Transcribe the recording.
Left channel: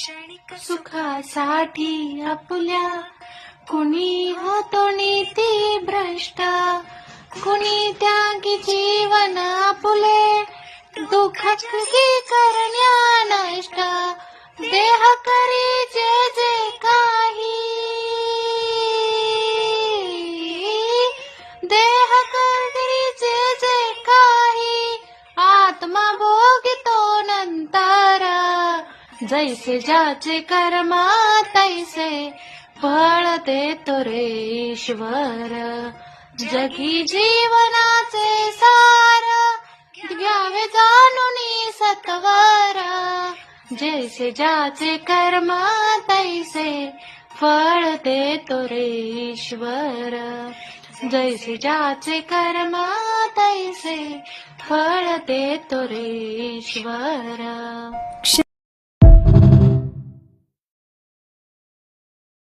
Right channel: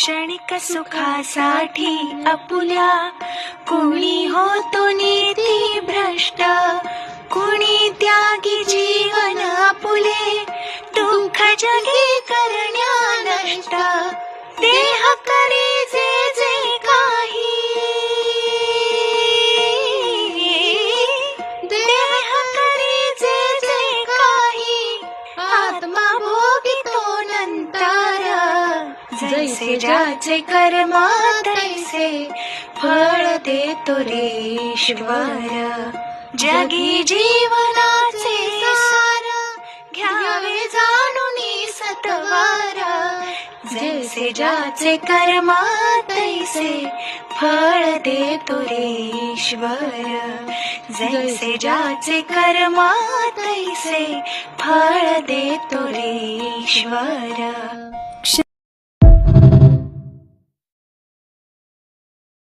क्षणिक सुखासाठी आपुल्या, कुणी होतो नीती भ्रष्ट, कुणी त्यागी जीवन आपुले, दुःख जगी करण्या नष्ट, देह करी जे जे काही, देह करी जे जे काही, आत्मा भोगितो नंतर, जैसे ज्याचे कर्म तैसे फळ देतो रे ईश्वर. जगी जीवनाचे सार, घ्यावे जाणूनी सत्वर, जैसे ज्याचे कर्म तैसे फळ देतो रे ईश्वर. जैसे ज्याचे कर्म तैसे फळ देतो रे ईश्वर.